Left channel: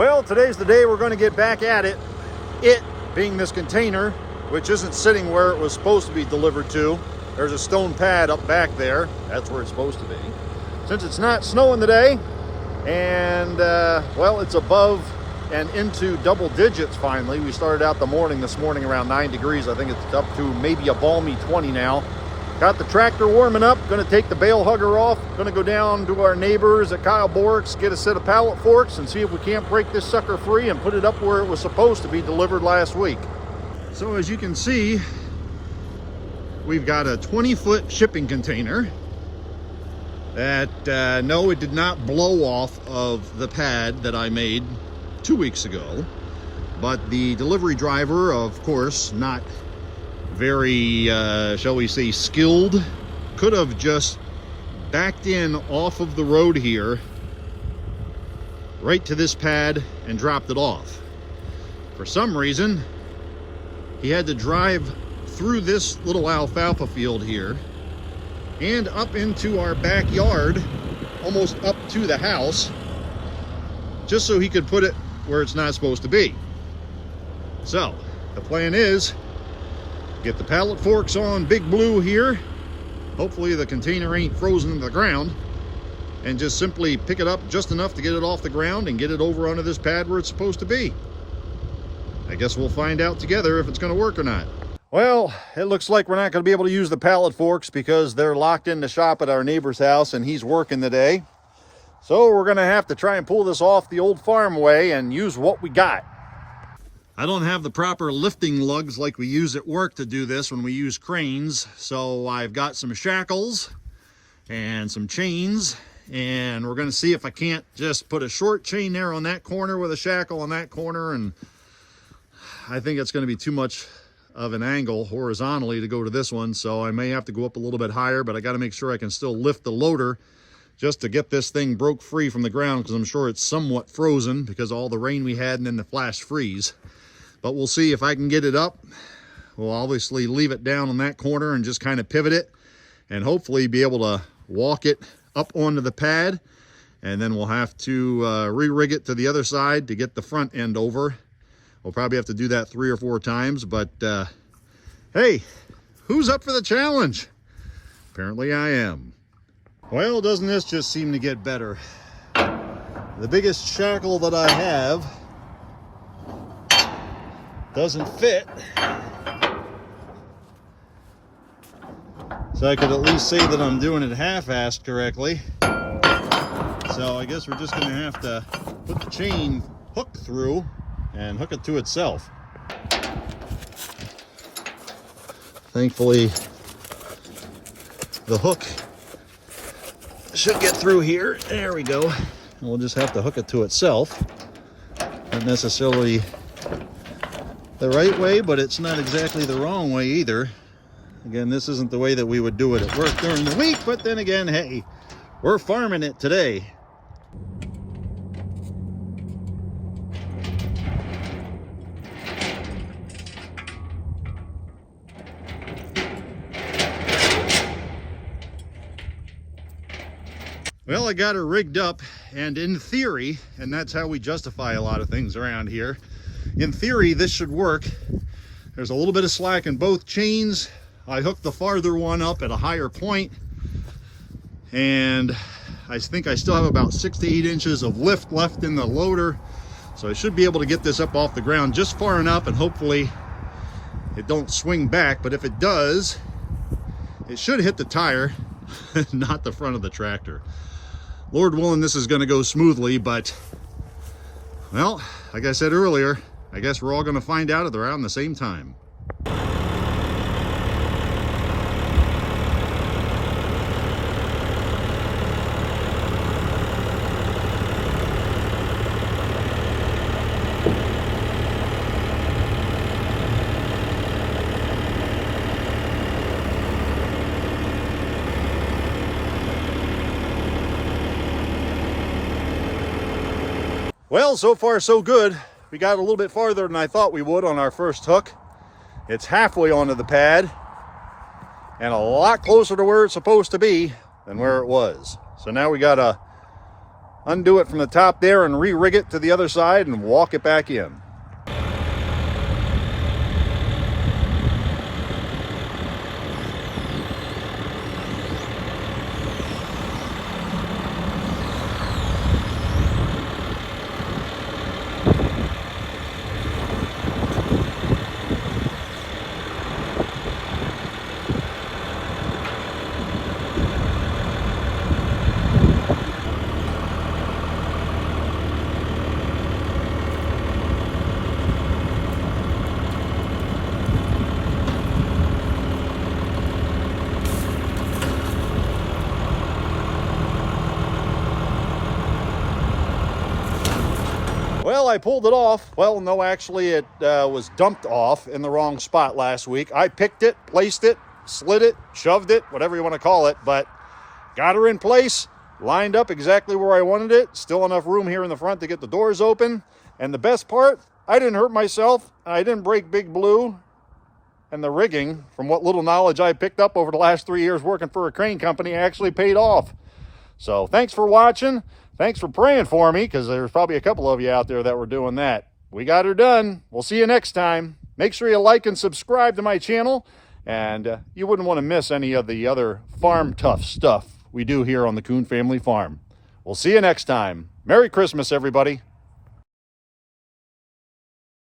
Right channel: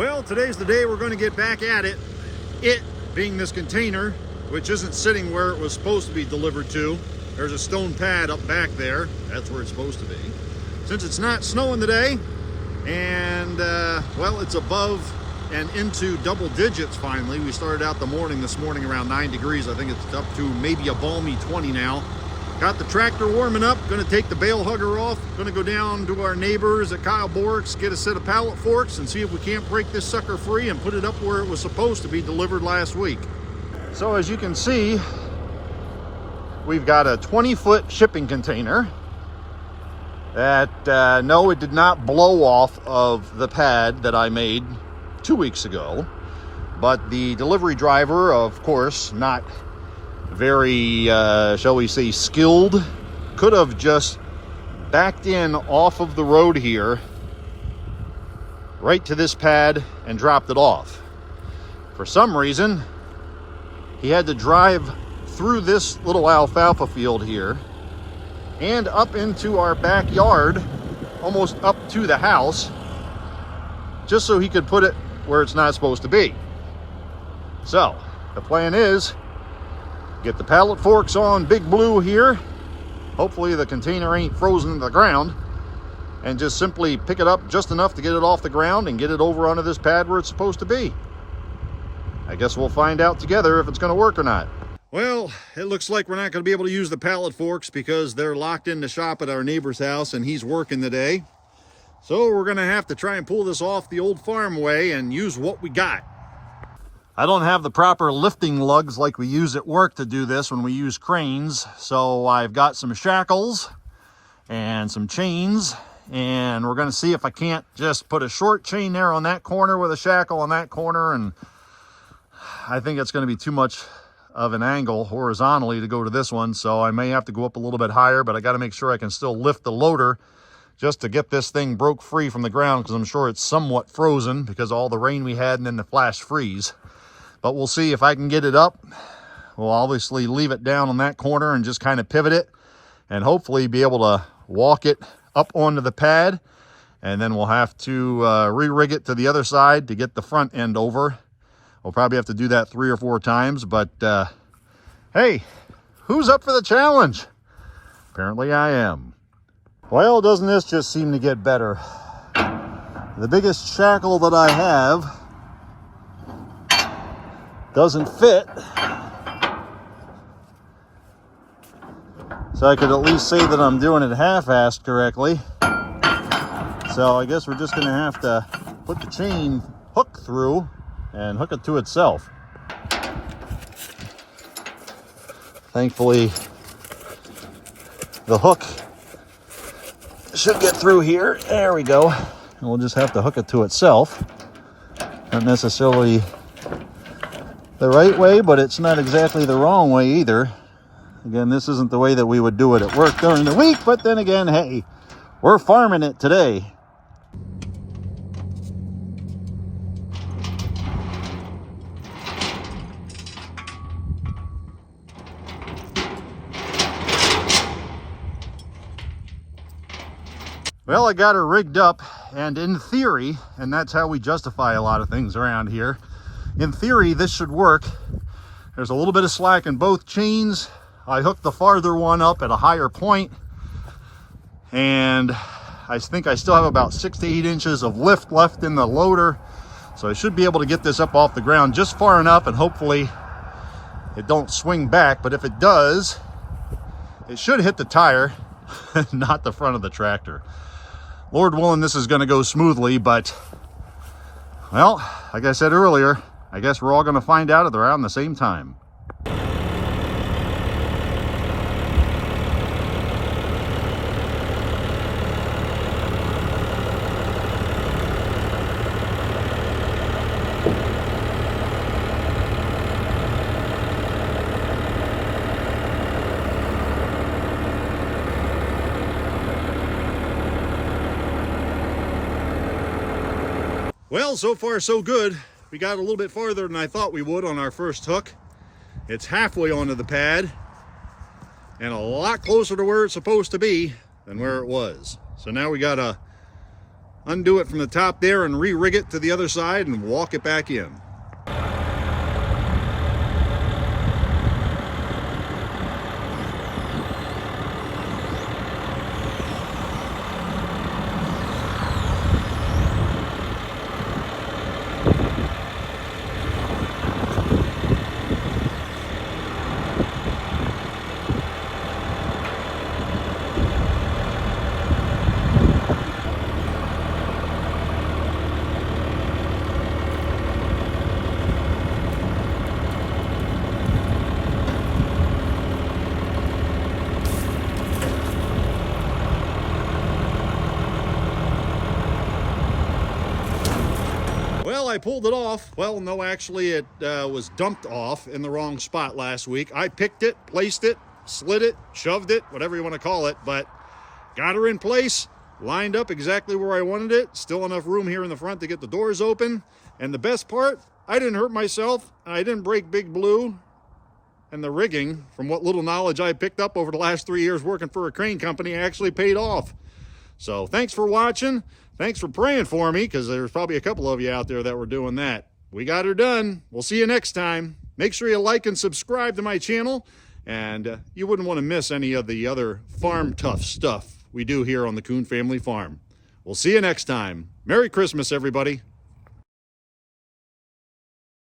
Well, today's the day we're going to get back at it. It being this container, which isn't sitting where it was supposed to be delivered to. There's a stone pad up back there. That's where it's supposed to be. Since it's not snowing today, and well, it's above and into double digits finally. We started out the morning this morning around 9 degrees. I think it's up to maybe a balmy 20 now. Got the tractor warming up, gonna take the bale hugger off, gonna go down to our neighbors at Kyle Bork's, get a set of pallet forks and see if we can't break this sucker free and put it up where it was supposed to be delivered last week. So as you can see, we've got a 20-foot shipping container that, no, it did not blow off of the pad that I made 2 weeks ago, but the delivery driver, of course, not very, shall we say, skilled, could have just backed in off of the road here right to this pad and dropped it off. For some reason, he had to drive through this little alfalfa field here and up into our backyard, almost up to the house, just so he could put it where it's not supposed to be. So the plan is get the pallet forks on Big Blue here. Hopefully the container ain't frozen to the ground, and just simply pick it up just enough to get it off the ground and get it over onto this pad where it's supposed to be. I guess we'll find out together if it's going to work or not. Well, it looks like we're not going to be able to use the pallet forks because they're locked in the shop at our neighbor's house and he's working today. So we're going to have to try and pull this off the old farm way and use what we got. I don't have the proper lifting lugs like we use at work to do this when we use cranes. So I've got some shackles and some chains, and we're going to see if I can't just put a short chain there on that corner with a shackle on that corner. And I think it's going to be too much of an angle horizontally to go to this one. So I may have to go up a little bit higher, but I got to make sure I can still lift the loader just to get this thing broke free from the ground, because I'm sure it's somewhat frozen because of all the rain we had and then the flash freeze. But we'll see if I can get it up. We'll obviously leave it down on that corner and just kind of pivot it and hopefully be able to walk it up onto the pad. And then we'll have to re-rig it to the other side to get the front end over. We'll probably have to do that 3 or 4 times, but hey, who's up for the challenge? Apparently I am. Well, doesn't this just seem to get better? The biggest shackle that I have doesn't fit, so I could at least say that I'm doing it half-assed correctly. So I guess we're just gonna have to put the chain hook through and hook it to itself. Thankfully the hook should get through here. There we go. And we'll just have to hook it to itself. Not necessarily the right way, but it's not exactly the wrong way either. Again, this isn't the way that we would do it at work during the week, but then again, hey, we're farming it today. Well, I got her rigged up, and in theory, and that's how we justify a lot of things around here, in theory, this should work. There's a little bit of slack in both chains. I hooked the farther one up at a higher point, and I think I still have about 6 to 8 inches of lift left in the loader. So I should be able to get this up off the ground just far enough, and hopefully it don't swing back. But if it does, it should hit the tire, not the front of the tractor. Lord willing, this is going to go smoothly, but, well, like I said earlier, I guess we're all going to find out at around the same time. Well, so far so good. We got a little bit farther than I thought we would on our first hook. It's halfway onto the pad and a lot closer to where it's supposed to be than where it was. So now we got a undo it from the top there and re-rig it to the other side and walk it back in. Well, I pulled it off. Well, no, actually it was dumped off in the wrong spot last week. I picked it, placed it, slid it, shoved it, whatever you want to call it, but got her in place, lined up exactly where I wanted it. Still enough room here in the front to get the doors open. And the best part, I didn't hurt myself. I didn't break Big Blue. And the rigging, from what little knowledge I picked up over the last 3 years working for a crane company, actually paid off. So thanks for watching. Thanks for praying for me, because there's probably a couple of you out there that were doing that. We got her done. We'll see you next time. Make sure you like and subscribe to my channel, and you wouldn't want to miss any of the other farm tough stuff we do here on the Coon Family Farm. We'll see you next time. Merry Christmas, everybody.